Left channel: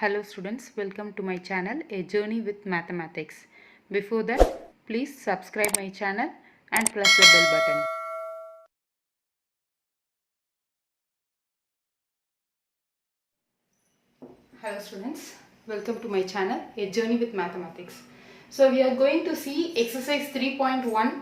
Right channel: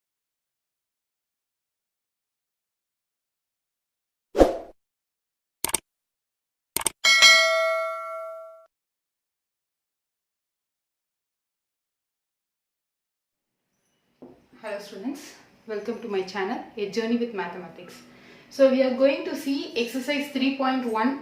Hello students, welcome to my channel A Journey with Mathematics. Before that, please subscribe my channel and press the bell button. Hello students, welcome to my channel A Journey with Mathematics. So we are going to see exercise 3.1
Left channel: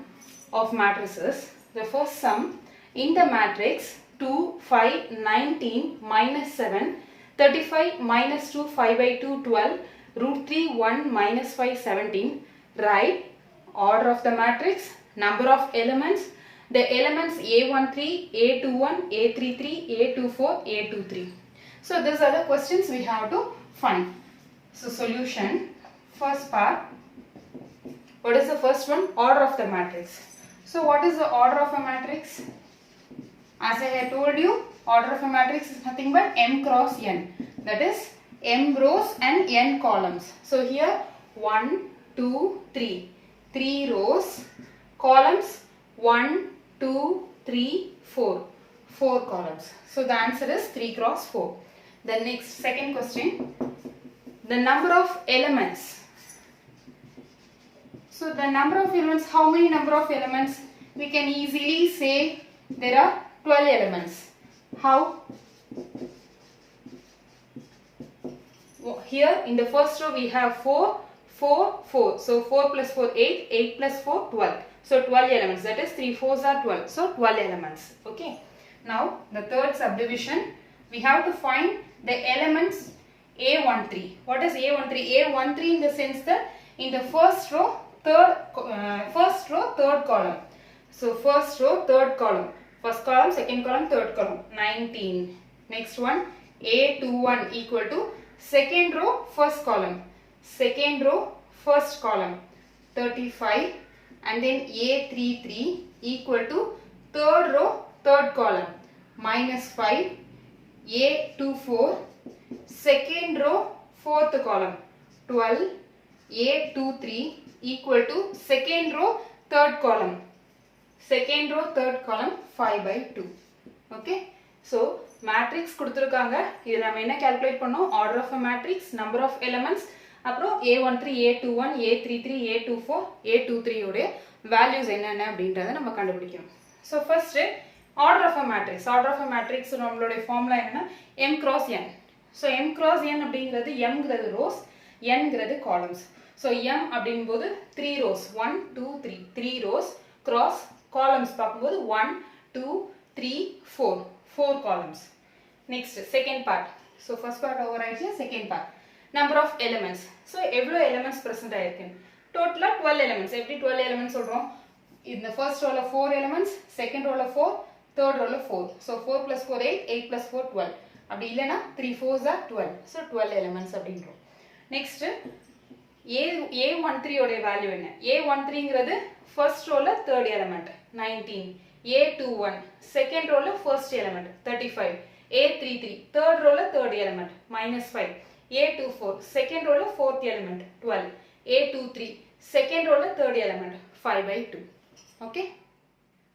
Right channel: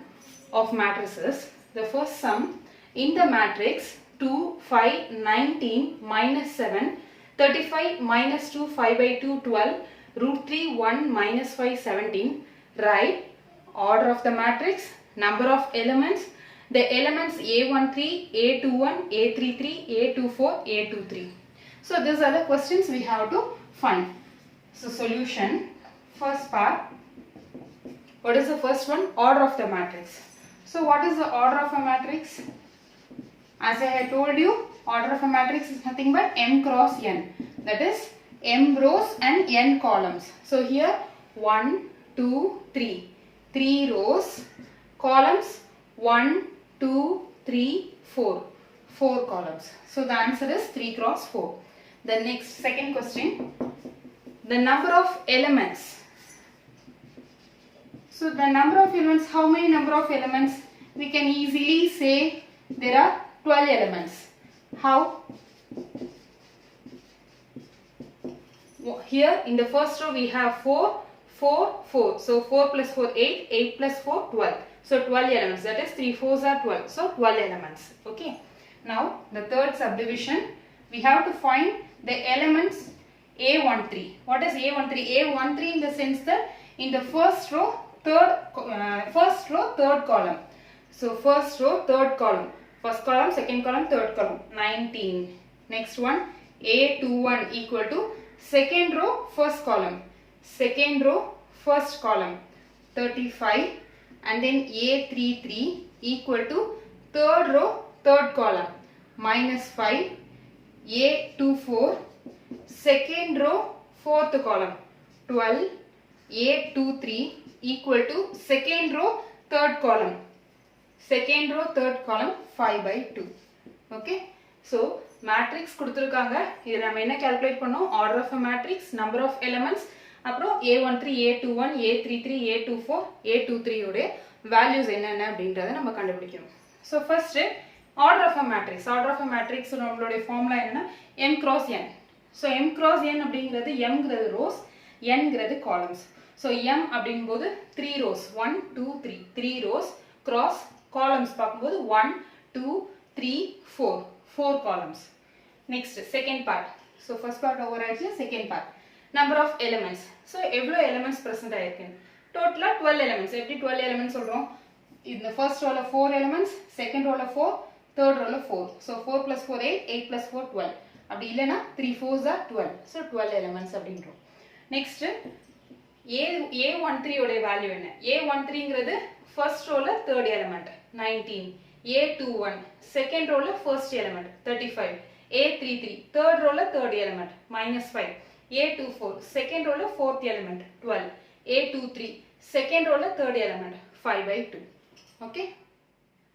of matrices. The first sum, in the matrix 2, 5, 19, minus 7, 35, minus 2, 5 by 2, 12, root 3, 1, minus 5, 17. Write order of the matrix, number of elements, the elements A13, A21, A33, A24, A23. So these are the questions we have to find. So solution, first part, what is the first one? Order of the matrix. So what is the order of a matrix? As I had told you, order of a matrix is nothing but m cross n. That is m rows and n columns. So here 1, 2, 3. 3 rows, columns 1, 2, 3, 4. 4 columns. So the answer is 3 cross 4. The next, second question, the number of elements. So the number of elements, how many number of elements? We can easily say there are 12 elements. How? Here in the first row we have 4, 4, 4. So 4 plus 4, 8, 8 plus 4, 12. So 12 elements, that is 3 4s are 12. So 12 elements. Okay. Now the third subdivision, we have to find the elements A13. What is A13? A13 in the sense that in the first row, third column. So first row, third column. First column, second column, third column. 19. Next one, A21 equal to second row, first column. Second row, first column. 35. And then A33 equal to third row, third column. Minus 5. A24, second row, fourth column. 12. A23 equal to second row, third column. Second row, third column, 5 by 2. Okay. So, matrix கொடுத்திருக்காங்க. இது நம்ம என்ன calculate பண்ணோம்? Order of a matrix, number of elements, அப்புறம் A13, A21, A33, A24, A23 உடைய values என்னென்ன அப்படின்றத நம்ம கண்டுபிடிக்கணும். So, first, order of a matrix. Order of a matrix நம்மளுடைய formula என்ன? M cross n. So, M cross n அப்படிங்கிறது M ங்கிறது rows, n ங்கிறது columns. So, M அப்படிங்கும்போது 3 rows. 1, 2, 3. 3 rows cross columns பார்க்கும்போது 1, 2, 3, 4. 4 columns. Next, second part. So, first part over ஆயிடுச்சு, second part. Number of elements. So, எவ்வளோ elements present ஆயிருக்கு? Total 12 elements. எப்படி 12 elements சொல்றோம்? In the first row 4 elements, second row 4, third row 4. So, 4 plus 4, 8, 8 plus 4, 12. அப்படி இல்லைனா 3 4s are 12. So, 12 elements அப்படின்றோம். Next, A13 உடைய value என்ன? A13 ங்கிறது first row third element, 19. A21, second row first element, 35. A33, third row third element, minus 5. A24, second row fourth element, 12. A23, second row third element, 5 by 2. Okay?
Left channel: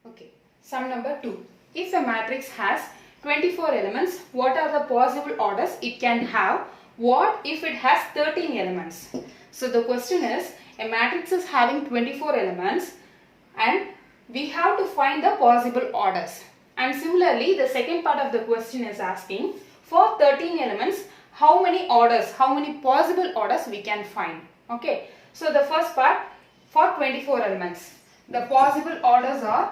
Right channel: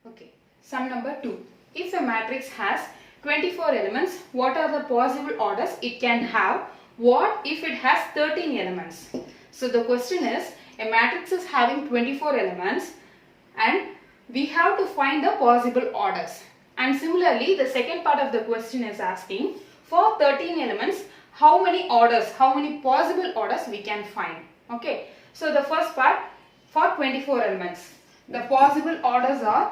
Okay. Sum number 2. If a matrix has 24 elements, what are the possible orders it can have? What if it has 13 elements? So the question is, a matrix is having 24 elements and we have to find the possible orders. And similarly, the second part of the question is asking, for 13 elements, how many orders, how many possible orders we can find? Okay. So the first part, for 24 elements, the possible orders are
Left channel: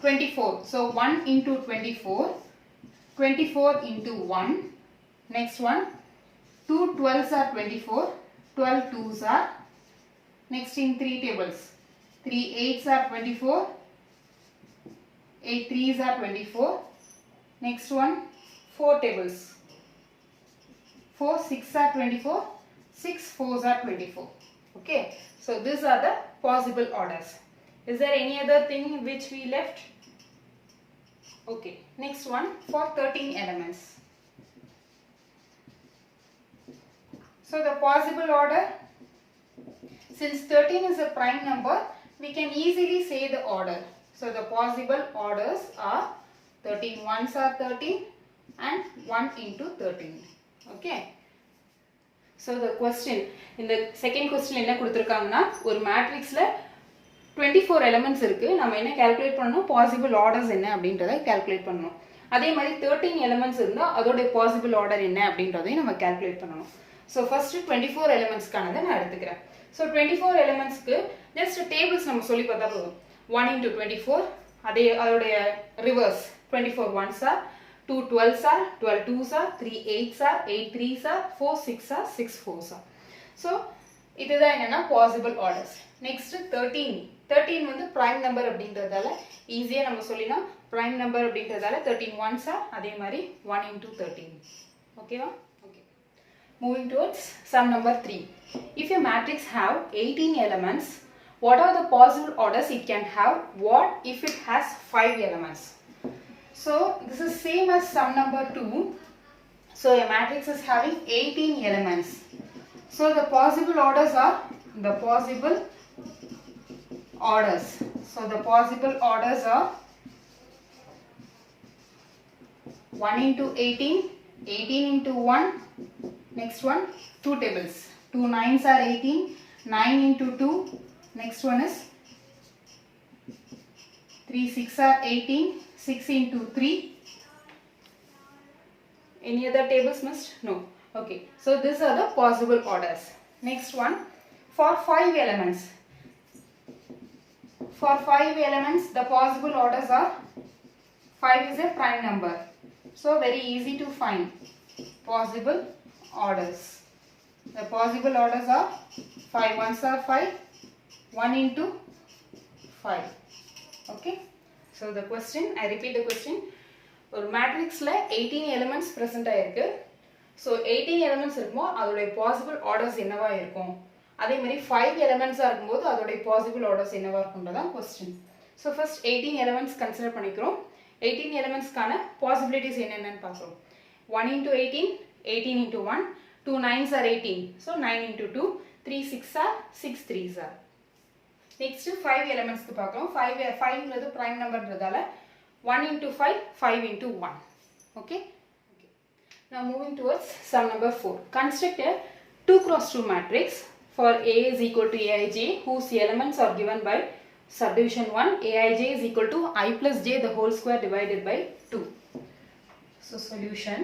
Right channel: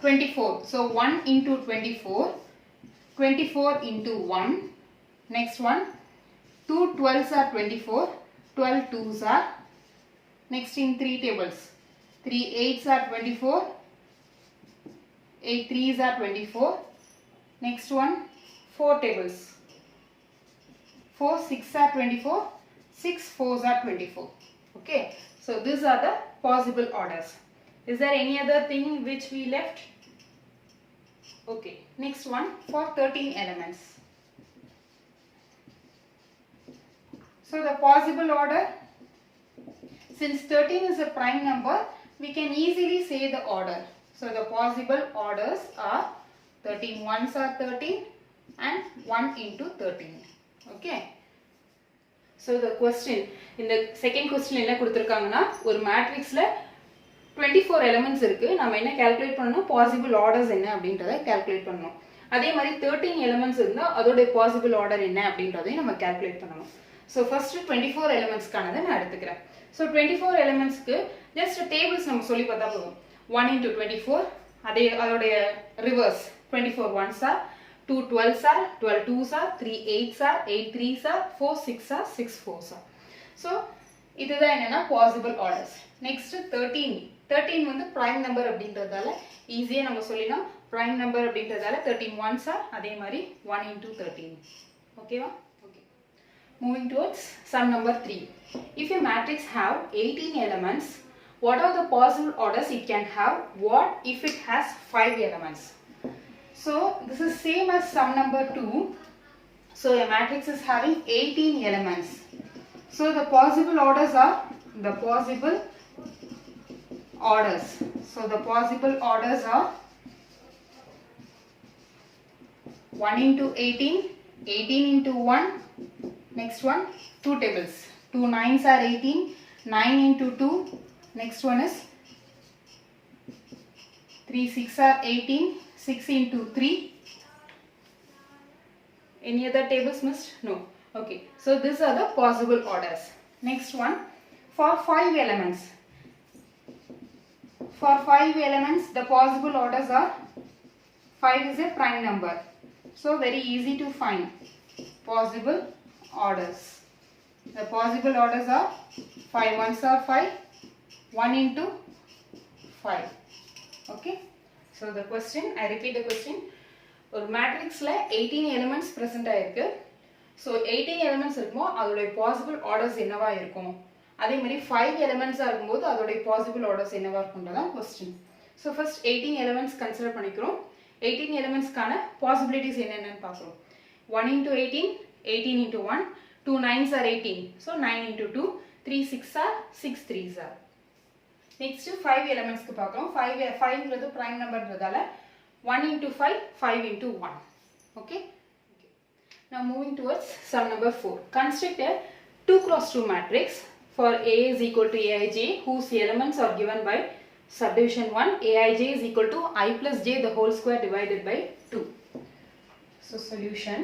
24. So 1 into 24, 24 into 1. Next one, 2 12s are 24, 12 2s are. Next in 3 tables, 3 8s are 24, 8 3s are 24. Next one, 4 tables, 4 6 are 24, 6 4s are 24. Okay, so these are the possible orders. Is there any other thing which we left? Okay, next one, for 13 elements. So the possible order, since 13 is a prime number, we can easily say the order. So the possible orders are 13 ones are 13 and 1 into 13. Okay. So the question, in the second question என்ன கொடுத்திருக்காங்கன்னா ஒரு மேட்ரிக்ஸ்ல 24 elements இருக்கு. நாம என்ன calculate பண்ணனும்? Possible orders என்ன அப்படின்றதை calculate பண்ணனும். அதே மாதிரி 13 elements இருந்தா அதோட பாசிபிள் ஆர்டர் என்ன அப்படின்றதை நம்ம கால்குலேட் பண்ணனும். So first 24 elements கானதை நான் எடுத்துக்கிறேன். So 24 elementsக்கு just tables நம்ம சொல்லி பார்த்தா போதும். 1 into 24 அதோட reverse 24 ones are 2 12s are 12 2s are 3 8s are 8 3s are 4 6 are 6 4s are. So இதுதான் என்னன்னா பாசிபிள் ஆர்டர்ஸ். நெக்ஸ்ட் 13 வந்து பிரைம் நம்பர் அப்படின்றதால ஈஸியா நம்ம சொல்லிடலாம். பிரைம் நம்பர் அப்படின்றதால 13 ones are அதே மாதிரி 1 into 13. ஓகேவா? Okay. Moving towards sum number 3. If a matrix have 18 elements, what are the possible orders it can have? What if it has 5 elements? So this is same as sum number 2. So a matrix is having 18 elements. So the possible orders are the possible orders. So the possible orders are 1 into 18, 18 into 1. Next one, 2 tables. 2 9s are 18, 9 into 2. Next one is 3 6 are 18, 6 into 3. Any other tables must? No. Okay. So these are the possible orders. Next one, for 5 elements. For 5 elements, the possible orders are 5 is a prime number. So very easy to find possible orders. The possible orders are 5 ones are 5, 1 into 5. Okay. So the question, I repeat the question. ஒரு மேட்ரிக்ஸ்ல 18 elements present ஆயிருக்கு. So 18 elements இருக்குமோ அதோட possible orders என்னவா இருக்கும்? அதே மாதிரி 5 elements இருக்கும்போது அதோட possible orders என்னவா இருக்கும்ன்றதான் question. So first 18 elements consider பண்ணிக்கிறோம். 18 elements கான possibilities என்னென்னன்னு பார்க்கிறோம். 1 into 18, 18 into 1, 2 9s are 18. So 9 into 2, 3 6 are 6 3s are. Next 5 elements க்கு பார்க்கிறோம். 5ங்கிறது prime numberன்றதால 1 into 5, 5 into 1. Okay? Now moving towards sum number 4. Construct a 2 cross 2 matrix for A is equal to Aij whose elements are given by subdivision 1. Aij is equal to I plus j the whole square divided by 2. So solution.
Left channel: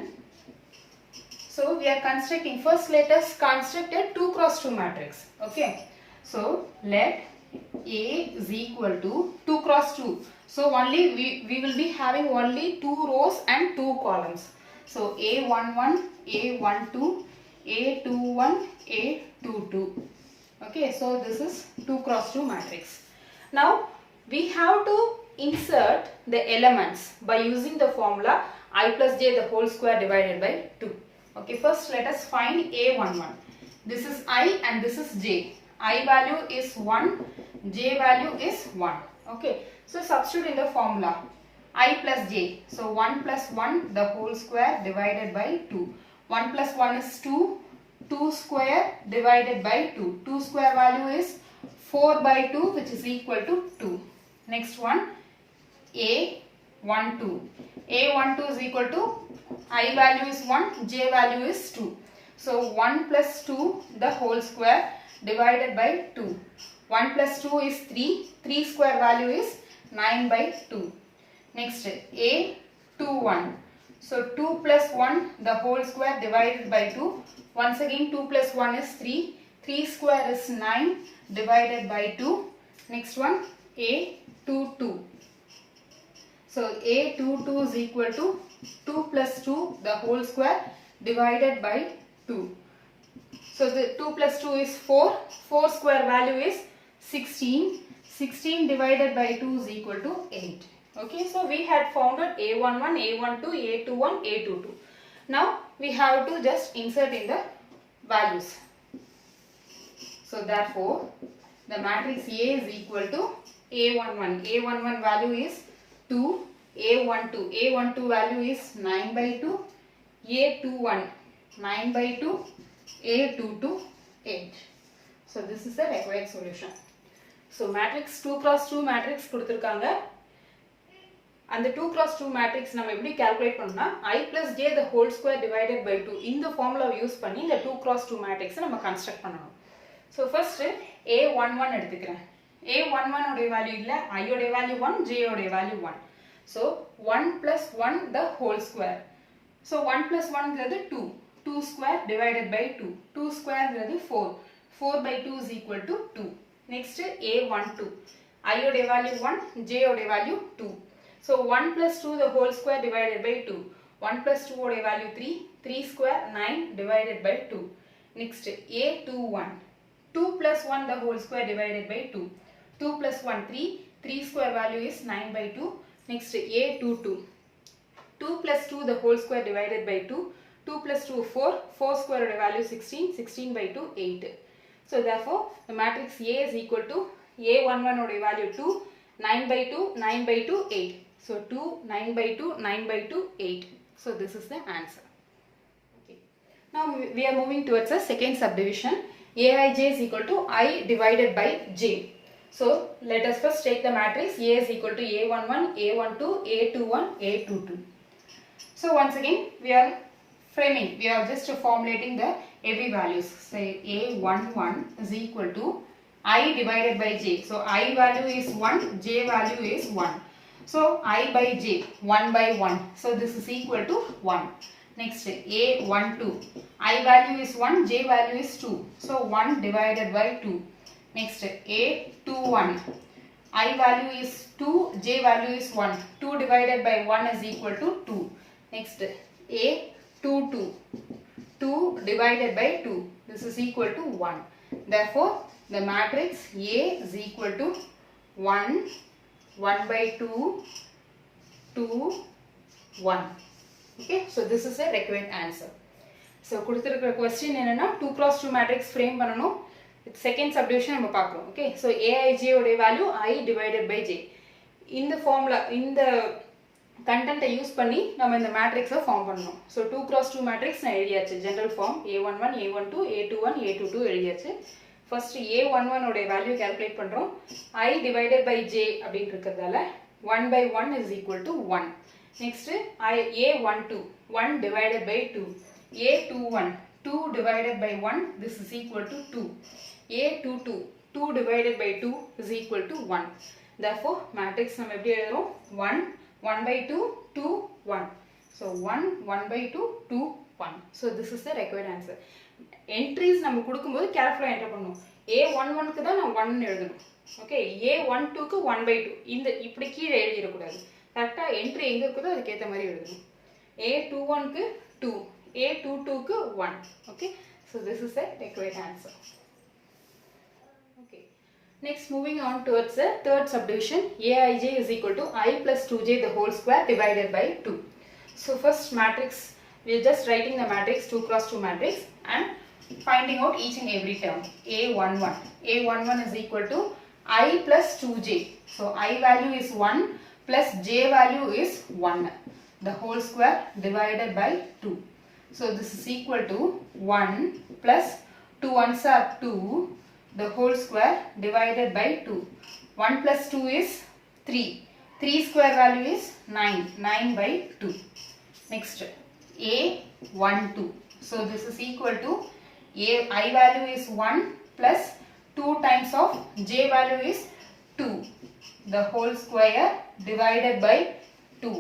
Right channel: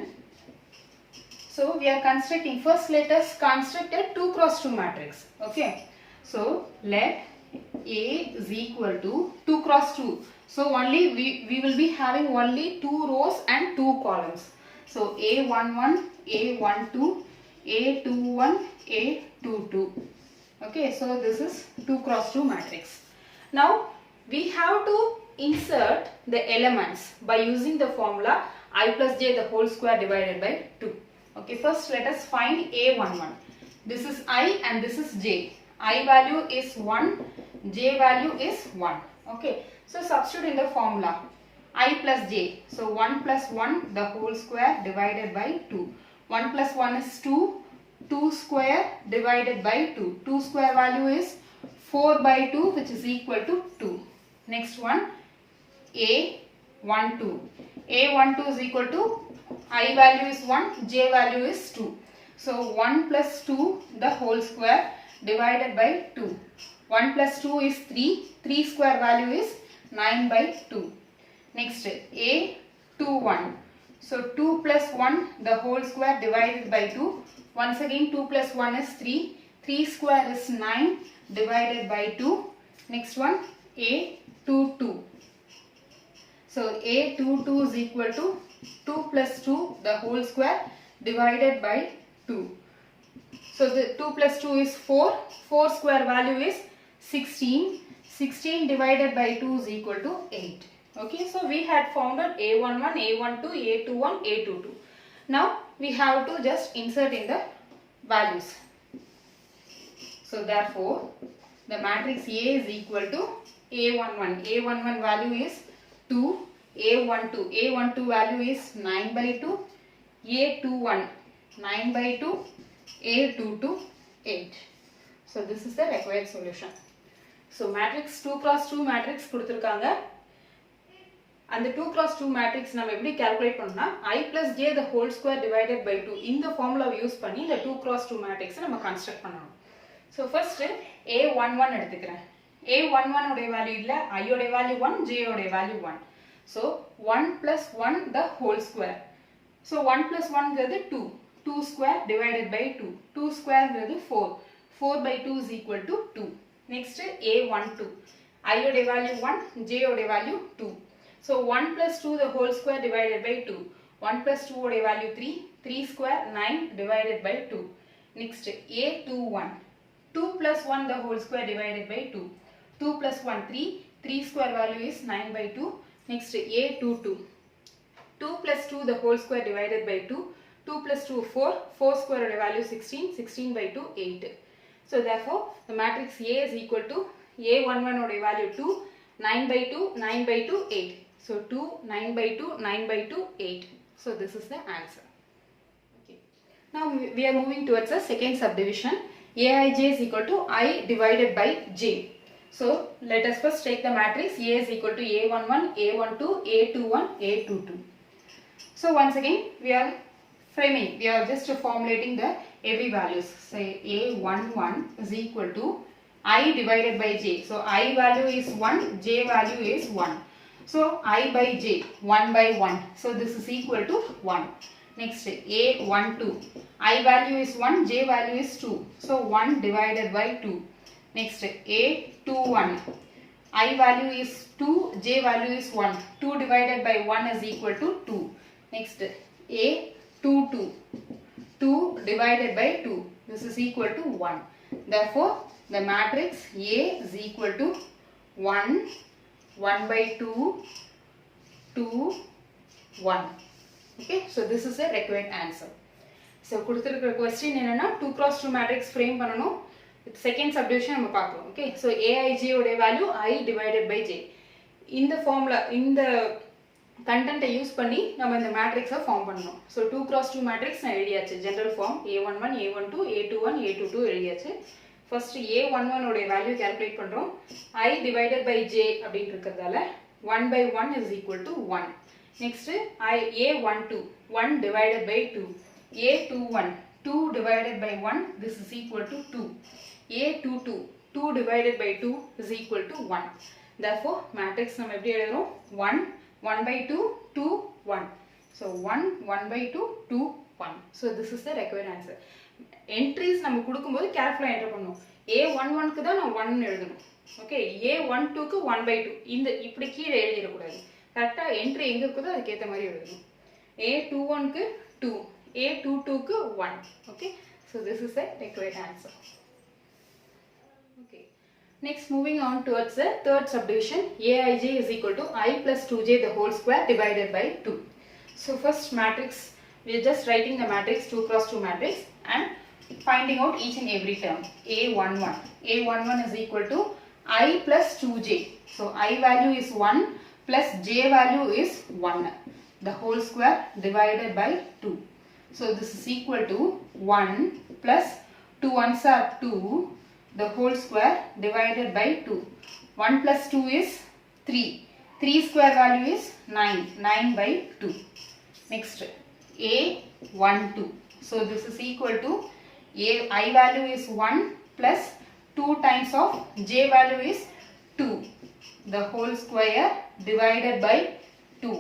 So we are constructing, first let us construct a 2 cross 2 matrix. Okay. So let A is equal to 2 cross 2. So only we will be having only 2 rows and 2 columns. So A11, A12, A21, A22. Okay, so this is 2 cross 2 matrix. Now we have to insert the elements by using the formula I plus j the whole square divided by 2. Okay, first let us find A11. This is I and this is j. I value is 1, j value is 1. Okay, so substitute in the formula I plus j. So 1 plus 1 the whole square divided by 2. 1 plus 1 is 2. 2 square divided by 2. 2 square value is 4 by 2 which is equal to 2. Next one A12. A12 is equal to I value is 1, j value is 2. So 1 plus 2 the whole square divided by 2. 1 plus 2 is 3. 3 square value is 9 by 2. Next A21. So 2 plus 1 the whole square divided by 2. Once again 2 plus 1 is 3. 3 square is 9 divided by 2. Next one A22. So A22 is equal to 2 plus 2 the whole square divided by 2. So the 2 plus 2 is 4. 4 square value is 16. 16 divided by 2 is equal to 8. Okay, so we had founded A11, A12, A21, A22. Now we have to just insert in the values. So therefore the matrix A is equal to A11. A11 value is 2. A12. A12 value is 9 by 2. A21 9 by 2. A22 8. So this is the required solution. So matrix 2 cross 2 matrix கொடுத்திருக்காங்க. அந்த 2 cross 2 matrix நம்ம எப்படி calculate பண்ணோம்னா I plus j the whole square divided by 2 இந்த formula use பண்ணி இந்த 2 cross 2 matrix நம்ம construct பண்ணணும். So first A11 எடுத்துக்கிறேன். A11 உடைய value இல்ல, I உடைய value 1, j உடைய value 1. So 1 plus 1 the whole square. So 1 plus 1 ங்கிறது 2. 2 square divided by 2. 2 square ங்கிறது 4. 4 by 2 is equal to 2. Next A12. I உடைய value 1, j உடைய value 2. So 1 plus 2 the whole square divided by 2. 1 plus 2 உடைய value 3. 3 square 9 divided by 2. Next A21. 2 plus 1 the whole square divided by 2. 2 plus 1 3. 3 square value is 9 by 2. Next A22. 2 plus 2 the whole square divided by 2. 2 plus 2 4. 4 square value 16. 16 by 2 8. So therefore the matrix A is equal to A11 oda value 2. 9 by 2. 9 by 2 8. So 2, 9 by 2, 9 by 2, 8. So this is the answer. Okay. Now we are moving towards the second subdivision. Aij is equal to I divided by j. So let us first take the matrix. A is equal to A11, A12, A21, A22. So once again we are framing. We are just formulating the AB values. Say A11 is equal to I divided by j. So I value is 1, j value is 1. So I by j, 1 by 1. So this is equal to 1. Next A12. I value is 1, j value is 2. So 1 divided by 2. Next A21. I value is 2, j value is 1. 2 divided by 1 is equal to 2. Next A22. 2 divided by 2. This is equal to 1. Therefore the matrix A is equal to 1, 1 by 2, 2, 1. Okay, so this is the required answer. So கொடுத்திருக்கிற question என்னன்னா 2 cross 2 matrix frame பண்ணனும். Second subdivision நம்ம பார்க்கலாம். Okay, so Aij உடைய value I divided by j. இந்த formula இந்த content use பண்ணி நம்ம இந்த matrix ஃபார்ம் பண்ணனும். So 2 cross 2 matrix நான் எழுதியாச்சு. General form A11, A12, A21, A22 எழுதியாச்சு. First A11 உடைய value calculate பண்றோம். I divided by j அப்படினு இருக்குறதால 1 by 1 is equal to 1. Next A12, 1 divided by 2. A21, 2 divided by 1, this is equal to 2. A22, 2 divided by 2 is equal to 1. Therefore matrix நம்ம எப்படி எழுதுறோம்? 1, 1 by 2, 2, 1. So 1, 1 by 2, 2, 1. So this is the required answer. Entries நம்ம கொடுக்கும்போது carefully enter பண்ணணும். A11 க்கு தான் நான் 1 எழுதணும். ஓகே, A12 க்கு 1 by 2. இந்த இப்படி கீழே எழுதிர கூடாது. கரெக்ட்டா என்ட்ரி எங்க இருக்குதோ அதுக்கு ஏத்த மாதிரி எழுதணும். A21 க்கு 2, A22 க்கு 1. Okay, so this is the required answer. Okay, next moving on towards the third subdivision. Aij is equal to I plus 2j the whole square divided by 2. So first matrix, we are just writing the matrix 2 cross 2 matrix and finding out each and every term. A11. A11 is equal to I plus 2j. So I value is 1 plus j value is 1. The whole square divided by 2. So this is equal to 1 plus 2 ones are 2. The whole square divided by 2. 1 plus 2 is 3. 3 square value is 9. 9 by 2. Next A12. So this is equal to I value is 1 plus 2 times of j value is 2. The whole square divided by 2.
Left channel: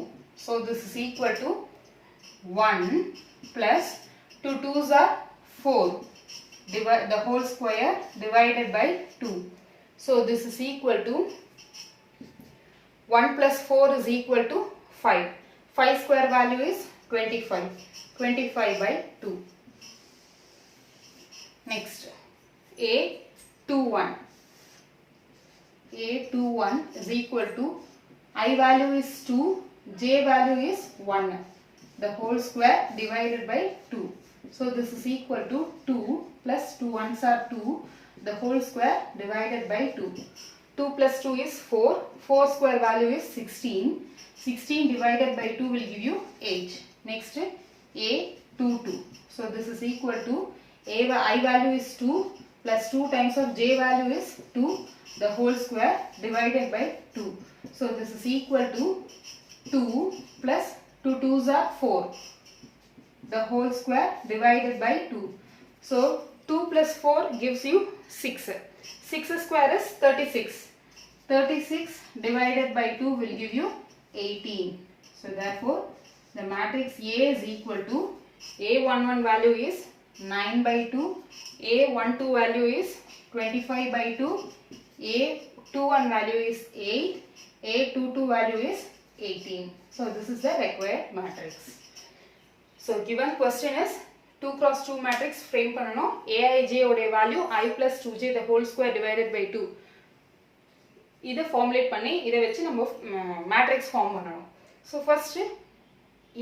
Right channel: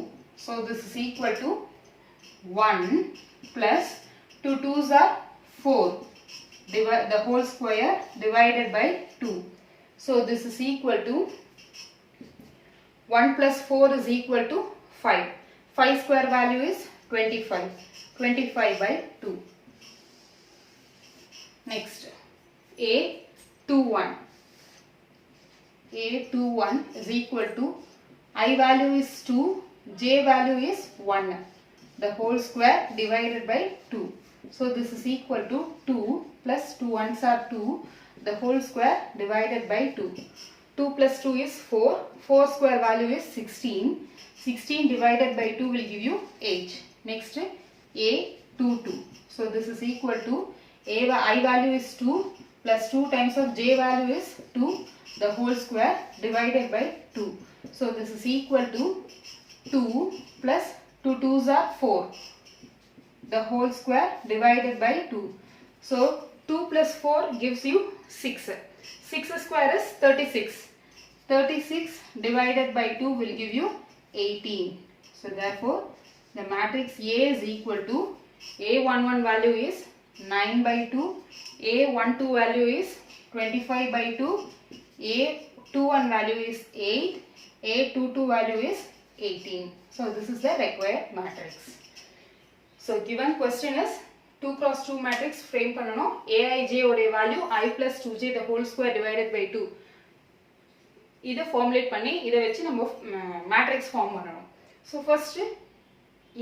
So this is equal to 1 plus 2 2s are 4. The whole square divided by 2. So this is equal to 1 plus 4 is equal to 5. 5 square value is 25. 25 by 2. Next A21. A21 is equal to I value is 2, j value is 1. The whole square divided by 2. So this is equal to 2 plus 2 ones are 2. The whole square divided by 2. 2 plus 2 is 4. 4 square value is 16. 16 divided by 2 will give you 8. Next A22. So this is equal to I value is 2 plus 2 times of j value is 2. The whole square divided by 2. So this is equal to 2 plus 2 2s are 4. The whole square divided by 2. So 2 plus 4 gives you 6. 6 square is 36. 36 divided by 2 will give you 18. So therefore the matrix A is equal to A11 value is 9 by 2, A12 value is 25 by 2, A21 value is 8, A22 value is 18. So this is the required matrix. So given question is 2 cross 2 matrix frame பண்ணனும். Aij ஓட value I plus 2j the whole square divided by 2. இதை formulate பண்ணி இதை வச்சு நம்ம matrix form பண்ணனும். So first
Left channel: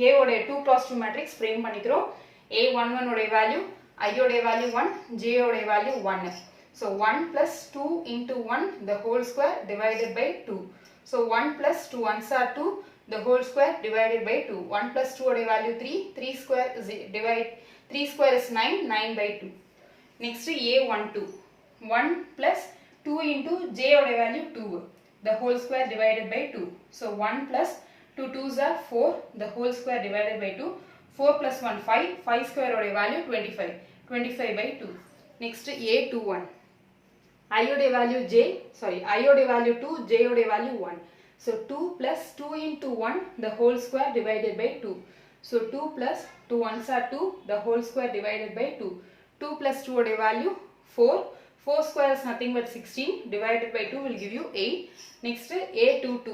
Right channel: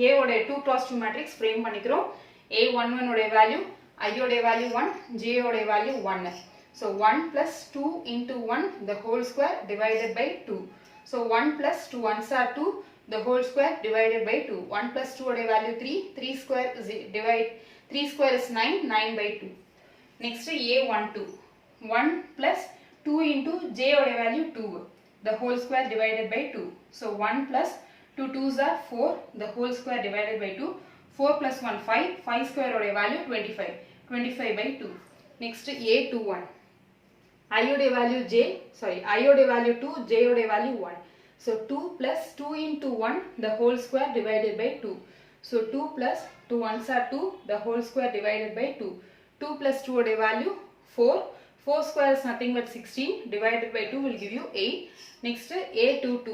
A ஓட 2 cross 2 matrix frame பண்ணிக்கிறோம். A11 ஓட value I ஓட value 1, J ஓட value 1. So 1 plus 2 into 1 the whole square divided by 2. So 1 plus 2 ones are 2 the whole square divided by 2. 1 plus 2 oda value 3. 3 square is 9. 9 by 2. Next A12. 1 plus 2 into J oda value 2. The whole square divided by 2. So 1 plus 2 2s are 4. The whole square divided by 2. 4 plus 1 5. 5 square oda value 25. 25 by 2. Next A21. I oda value J. Sorry. I oda value 2. J oda value 1. So 2 plus 2 into 1 the whole square divided by 2. So 2 plus 2 ones are 2 the whole square divided by 2. 2 plus 2 oda value 4. 4 square is nothing but 16 divided by 2 will give you 8. Next A22.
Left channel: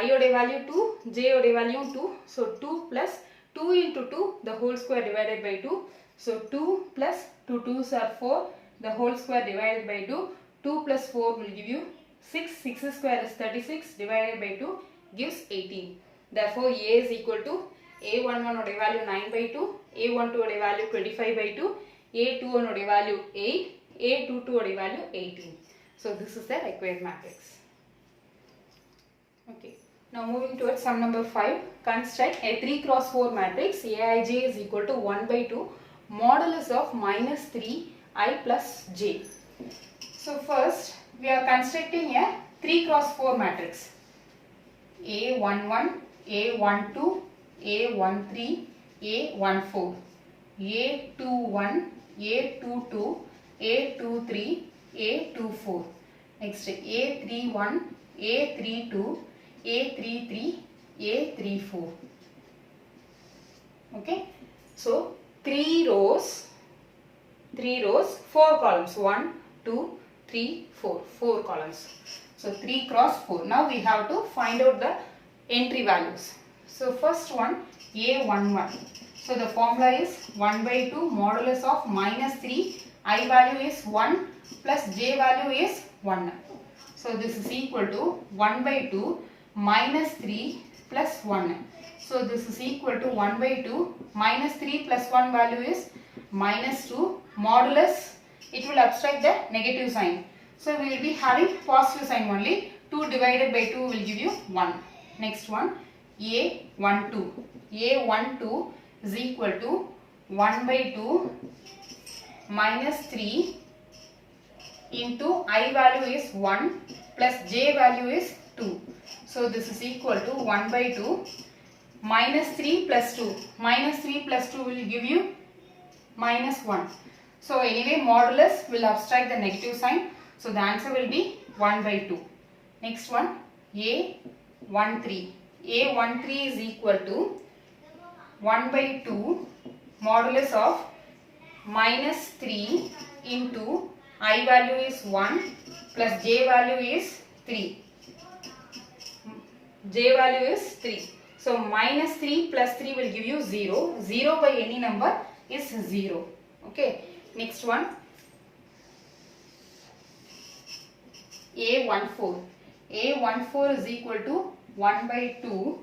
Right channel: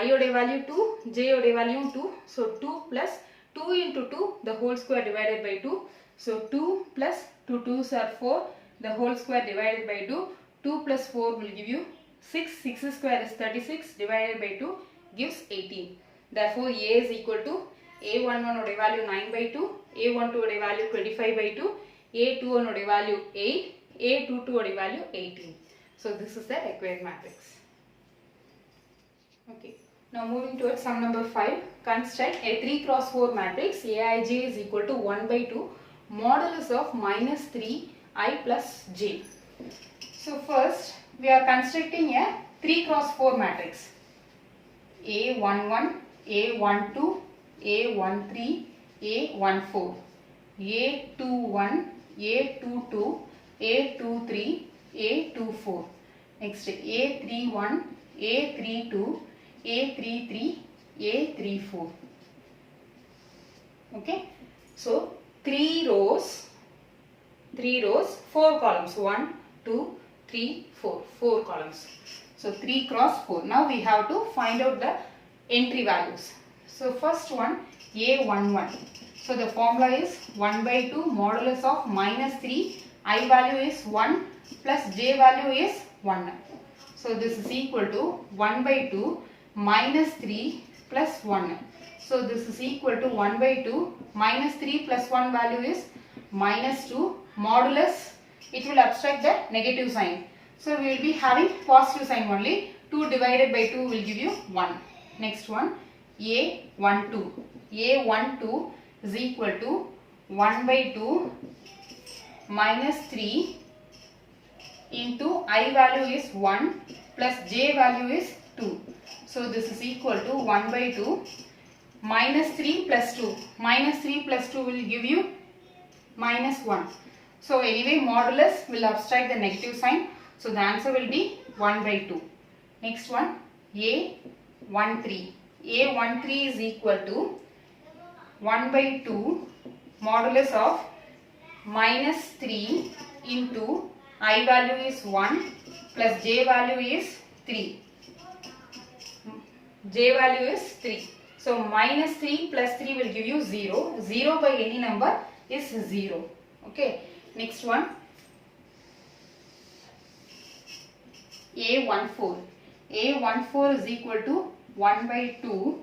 I oda value 2, J oda value 2. So 2 plus 2 into 2 the whole square divided by 2. So 2 plus 2 2s are 4 the whole square divided by 2. 2 plus 4 will give you 6. 6 square is 36 divided by 2 gives 18. Therefore A is equal to A11 oda value 9 by 2, A12 oda value 25 by 2, A21 oda value 8, A22 oda value 18. So this is the required matrix. Okay. Now moving towards sum number 5. Construct a 3 cross 4 matrix Aij is equal to 1 by 2 modulus of minus 3 I plus j. So first we are constructing a 3 cross 4 matrix. A11, A12, A13, A14, A21, A22, A23, A24. Next A31, A32, A33, A34. Okay. So 3 rows, 4 columns. 1, 2, 3, 4. 4 columns. So 3 cross 4. Now we have to find out the entry values. So first one A11. So the formula is 1 by 2 modulus of minus 3. I value is 1 plus j value is 1. So this is equal to 1 by 2 minus 3 plus 1. So this is equal to 1 by 2 minus 3 plus 1 value is minus 2 modulus. It will abstract the negative sign. So we will be having positive sign only. 2 divided by 2 will give you 1. Next one A12. A12 is equal to 1 by 2 minus 3 into I value is 1 plus j value is 2. So this is equal to 1 by 2 minus 3 plus 2. Minus 3 plus 2 will give you minus 1. So anyway modulus will abstract the negative sign. So the answer will be 1 by 2. Next one A13. A13 is equal to 1 by 2 modulus of minus 3 into I value is 1 plus j value is 3. J value is 3. So minus 3 plus 3 will give you 0. 0 by any number is 0. Okay. Next one A14. A14 is equal to 1 by 2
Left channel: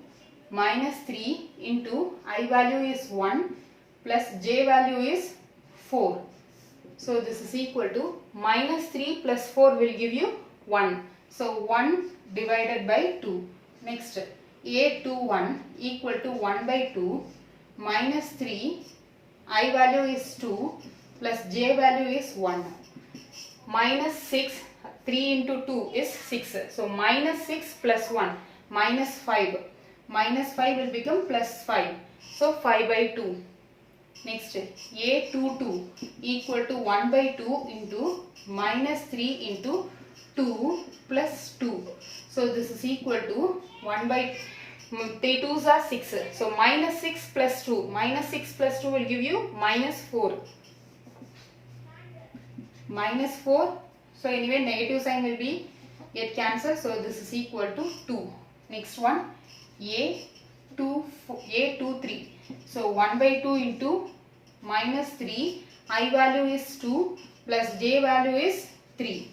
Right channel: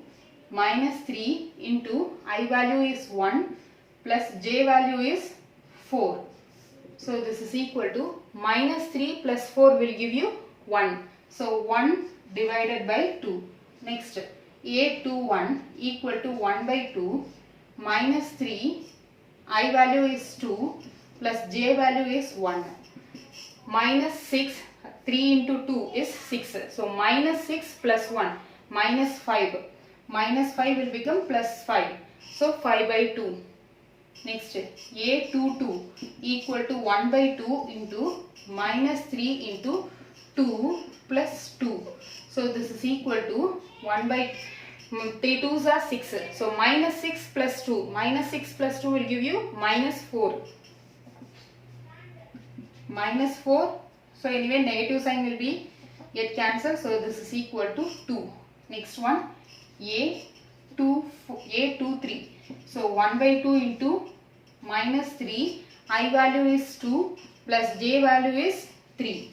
minus 3 into I value is 1 plus j value is 4. So this is equal to minus 3 plus 4 will give you 1. So 1 divided by 2. Next A21 equal to 1 by 2 minus 3 I value is 2 plus j value is 1. Minus 6, 3 into 2 is 6. So minus 6 plus 1 minus 5. minus 5 will become plus 5. So 5 by 2. Next, A22 equal to 1 by 2 into minus 3 into 2 plus 2. So this is equal to 1 by 3 2s are 6. So minus 6 plus 2. Minus 6 plus 2 will give you minus 4. Minus 4. So anyway negative sign will be get cancelled. So this is equal to 2. Next one A23. So 1 by 2 into minus 3. I value is 2 plus j value is 3.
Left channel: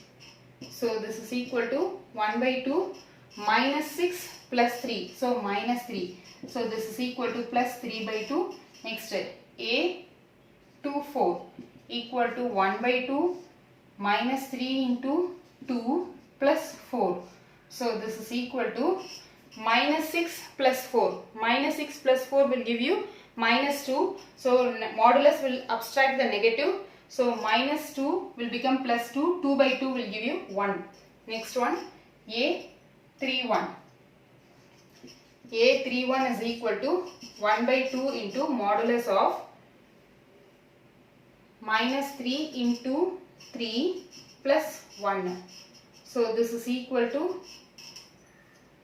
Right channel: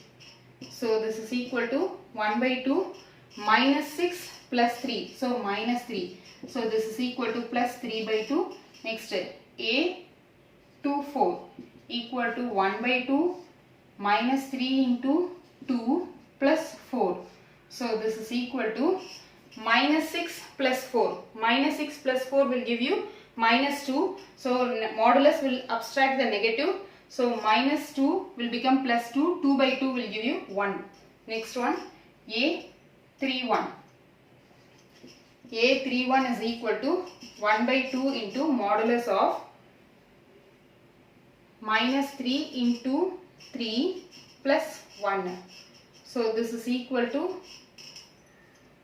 So this is equal to 1 by 2 minus 6 plus 3. So minus 3. So this is equal to plus 3 by 2. Next A24 equal to 1 by 2 minus 3 into 2 plus 4. So this is equal to minus 6 plus 4. Minus 6 plus 4 will give you minus 2. So modulus will abstract the negative. So minus 2 will become plus 2. 2 by 2 will give you 1. Next one A31. A31 is equal to 1 by 2 into modulus of minus 3 into 3 plus 1. So this is equal to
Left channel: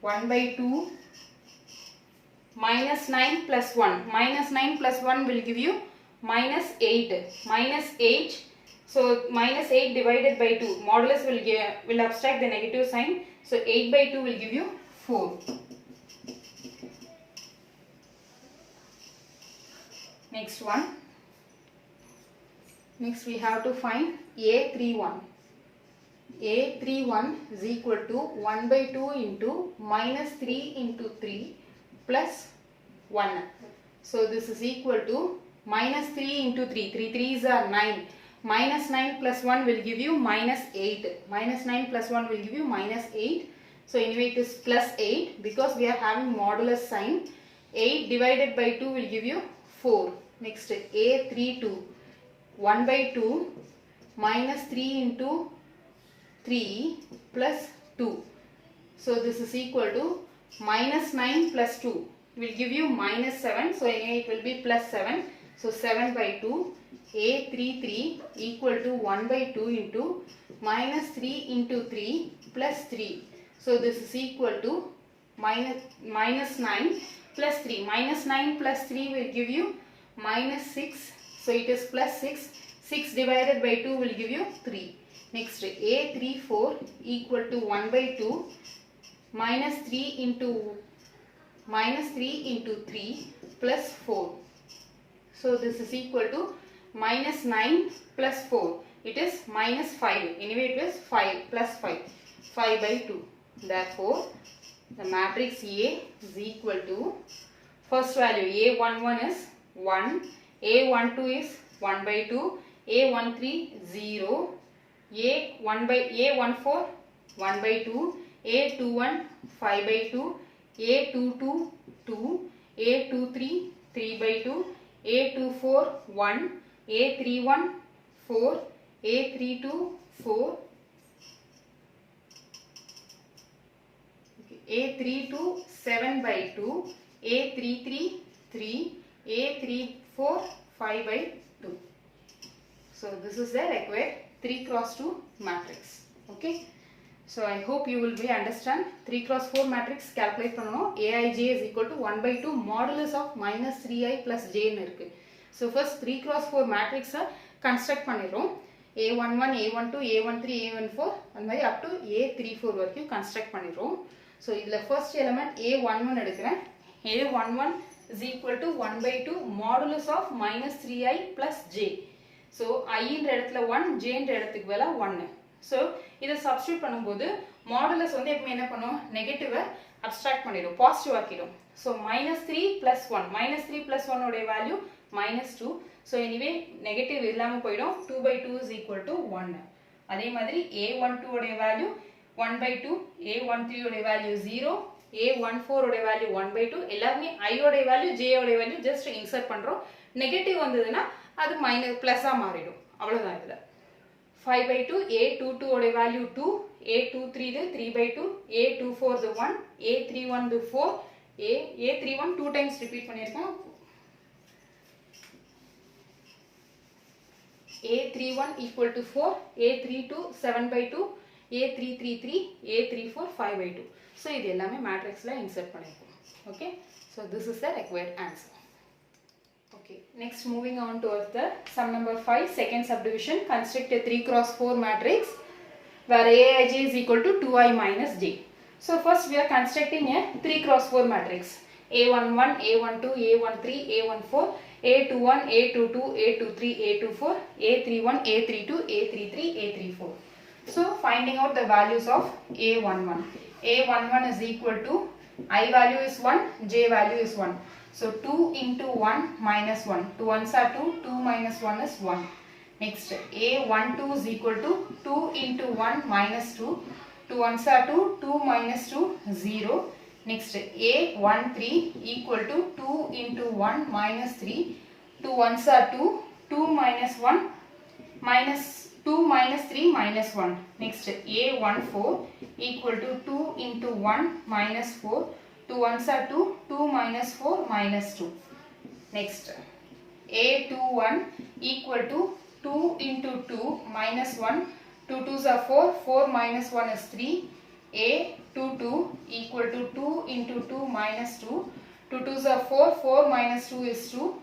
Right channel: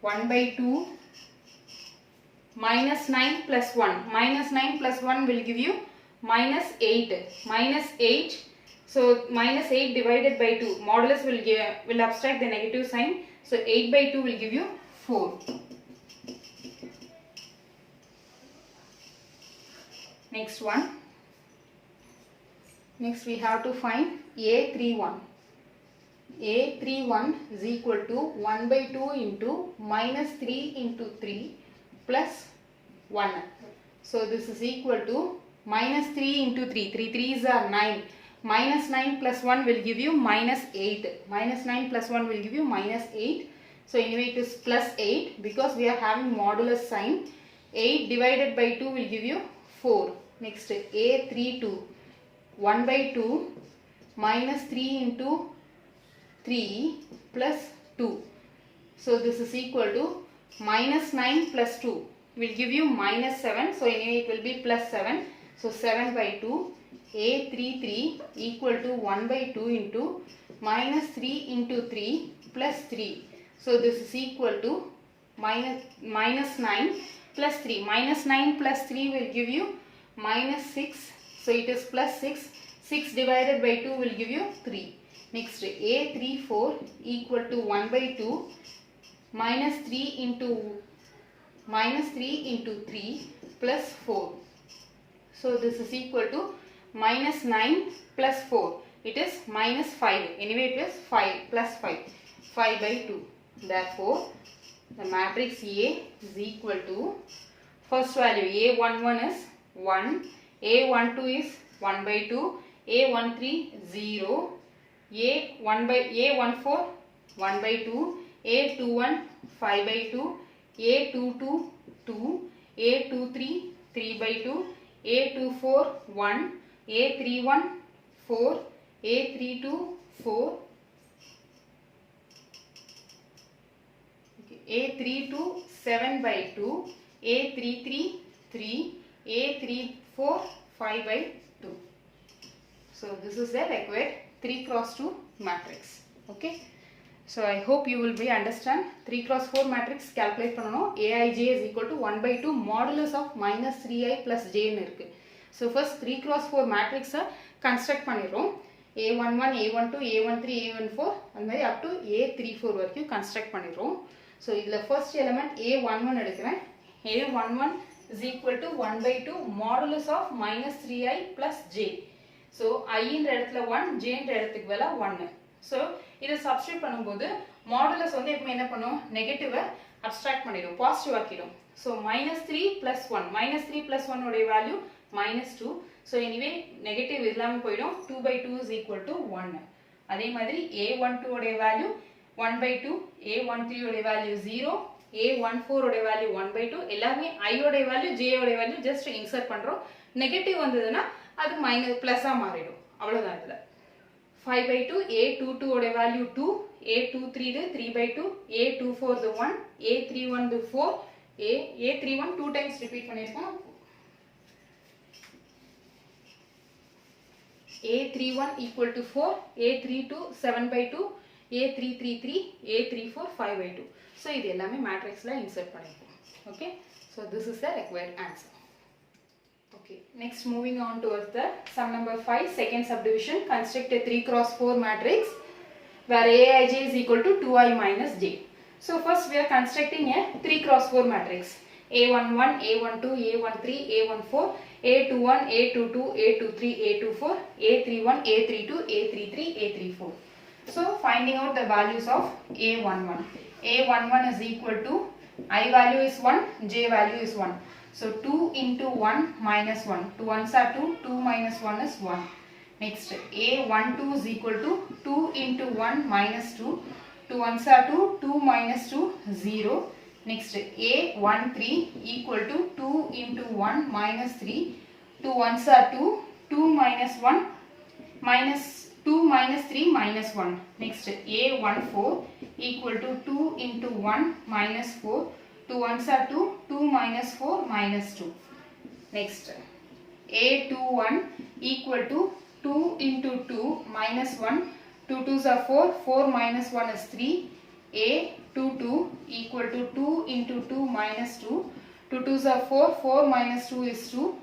1 by 2 minus 9 plus 1. Minus 9 plus 1 will give you minus 8. Minus 8. So minus 8 divided by 2. Modulus will abstract the negative sign. So 8 by 2 will give you 4. Next one. Next we have to find A31. A31 is equal to 1 by 2 into minus 3 into 3 plus 1. So this is equal to minus 3 into 3. 3 3s are 9. Minus 9 plus 1 will give you minus 8. Minus 9 plus 1 will give you minus 8. So anyway it is plus 8 because we are having modulus sign. 8 divided by 2 will give you 4. Next A32. 1 by 2 minus 3 into 3 plus 2. So this is equal to minus 9 plus 2 will give you minus 7. So anyway it will be plus 7. So 7 by 2. A33 equal to 1 by 2 into minus 3 into 3 plus 3. So this is equal to minus 9 plus 3. Minus 9 plus 3 will give you minus 6. So it is plus 6. 6 divided by 2 will give you 3. Next A34 equal to 1 by 2 minus 3 into 3 plus 4. So this is equal to minus 9 plus 4. It is minus 5. Anyway it is 5 plus 5. 5 by 2. Therefore the matrix A is equal to first value A11 is 1. A12 is 1 by 2. A13 0. A14 1 by 2. A21 5 by 2. A22 2. A23 3 by 2. A24 1. A31 4. A32 4. A32 7 by 2. A33 3. A34 5 by 2. So this is the required 3 cross 2 matrix. Okay. So I hope you will be understand 3 cross 4 matrix calculate பண்ணனும். Aij is equal to 1 by 2 modulus of minus 3i plus j ன்னு இருக்கு. So first 3 cross 4 matrix construct பண்ணிரோம். A11, A12, A13, A14 and மாதிரி up to A34 வரைக்கும் construct பண்ணிரோம். So இதுல first element A11 எடுக்கிறேன். A11 is equal to 1 by 2 modulus of minus 3i plus j. So I இந்த இடத்துல 1, j இந்த இடத்துக்கு வேலை 1. So இதை substitute பண்ணும்போது modulus வந்து எப்பவுமே என்ன பண்ணும் நெகட்டிவ் அப்ஸ்ட்ராக்ட் பண்ணிடும் positive ஆக்கிடும். So minus 3 plus 1. Minus 3 plus 1 உடைய value minus 2. So anyway negative இல்லாம போயிடும். 2 by 2 is equal to 1. அதே மாதிரி A12 உடைய வேல்யூ 1 by 2. A13 உடைய வேல்யூ 0. A14 உடைய வேல்யூ 1 by 2. எல்லாமே I உடைய வேல்யூ J உடைய வேல்யூ ஜஸ்ட் இன்சர்ட் பண்றோம். நெகட்டிவ் வந்ததுன்னா அது மைனஸ் பிளஸா மாறிடும். அவ்வளவுதான் இதுல. 5 by 2. A22 உடைய வேல்யூ 2. A23 இது 3 by 2. A24 இது 1. A31 இது 4. A31 2 times repeat பண்ணிருக்கேன். A31 equal to 4, A32 7 by 2, A333, A34 5 by 2. So இது எல்லாமே matrixல insert பண்ணிருக்கோம். Okay, so this is the required answer. Okay, next moving on towards the sum number 5, second subdivision. Construct a 3 cross 4 matrix where Aij is equal to 2i minus j. So first we are constructing a 3 cross 4 matrix. A11, A12, A13, A14, A21, A22, A23, A24, A31, A32, A33, A34. So finding out the values of A11. A11 is equal to I value is 1, j value is 1. So 2 into 1 minus 1. 2 ones are 2, 2 minus 1 is 1. Next, A12 is equal to 2 into 1 minus 2. 2 ones are 2, 2 minus 2, 0. Next, A13 equal to 2 into 1 minus 3. 2 ones are 2, 2 minus 1 minus 2 minus 3 minus 1. Next, A14 equal to 2 into 1 minus 4. 2 ones are 2, 2 minus 4 minus 2. Next, A21 equal to 2 into 2 minus 1. 2 2s are 4, 4 minus 1 is 3. A22 equal to 2 into 2 minus 2. 2 2s are 4, 4 minus 2 is 2.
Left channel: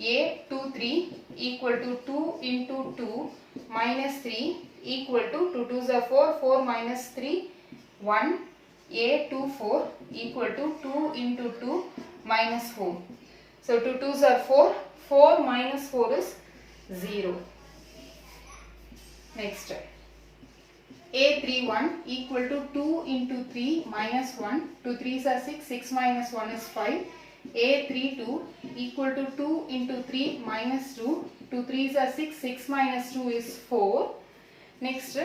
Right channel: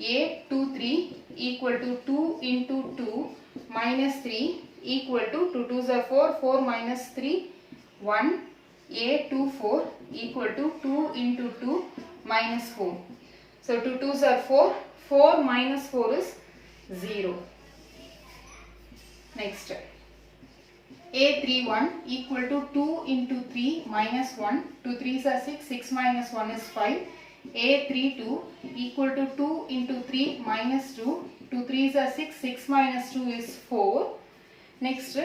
A23 equal to 2 into 2 minus 3 equal to 2 2s are 4, 4 minus 3, 1. A24 equal to 2 into 2 minus 4. So 2 2s are 4, 4 minus 4 is 0. Next, A31 equal to 2 into 3 minus 1. 2 3s are 6, 6 minus 1 is 5. A32 equal to 2 into 3 minus 2. 2 3s are 6, 6 minus 2 is 4. Next,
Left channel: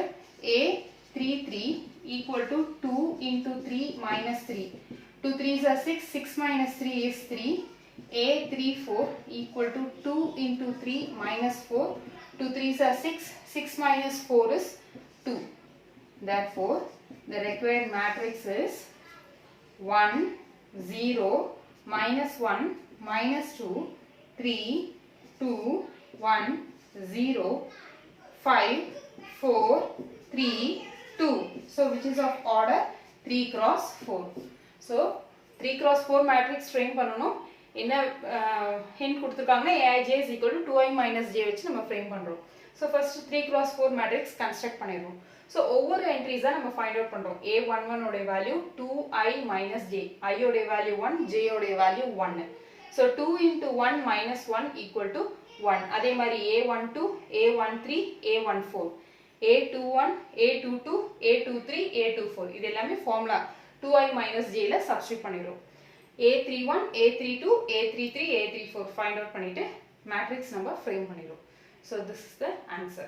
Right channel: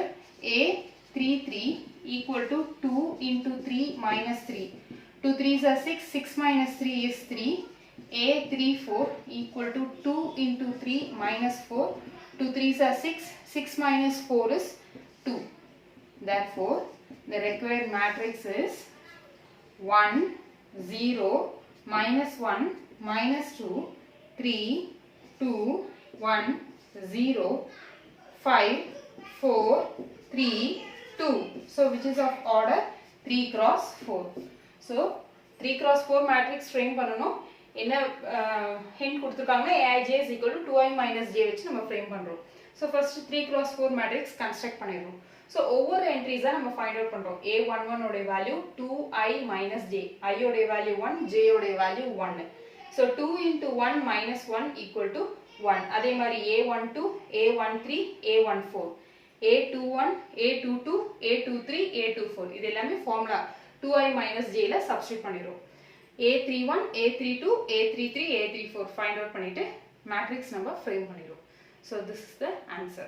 A33 equal to 2 into 3 minus 3. 2 3s are 6, 6 minus 3 is 3. A34 equal to 2 into 3 minus 4. 2 3s are 6, 6 minus 4 is 2. Therefore, the required matrix is 1, 0, minus 1, minus 2, 3, 2, 1, 0, 5, 4, 3, 2. So which is of order 3 cross 4. So 3 cross 4 matrix train பண்ணனும். என்ன hint கொடுத்திருக்காங்க Aij is equal to 2i minus j வச்சு நம்ம frame பண்றோம். So first 3 cross 4 matrix construct பண்ணிடுவோம். So ஒவ்வொரு entries நம்ம find out பண்றோம். A11 உடைய value 2i minus j. I உடைய value 1, j உடைய value 1. So 2 into 1 minus 1 equal to 1. அதே மாதிரி A12, A13, A14. A21, A22, A23, A24. இது எல்லாமே formula 2i minus j ல substitute பண்ணிரோம். A31, A32, A33, A34 find out பண்ணிட்டு matrix number frame பண்ணிரோம். So this is the answer.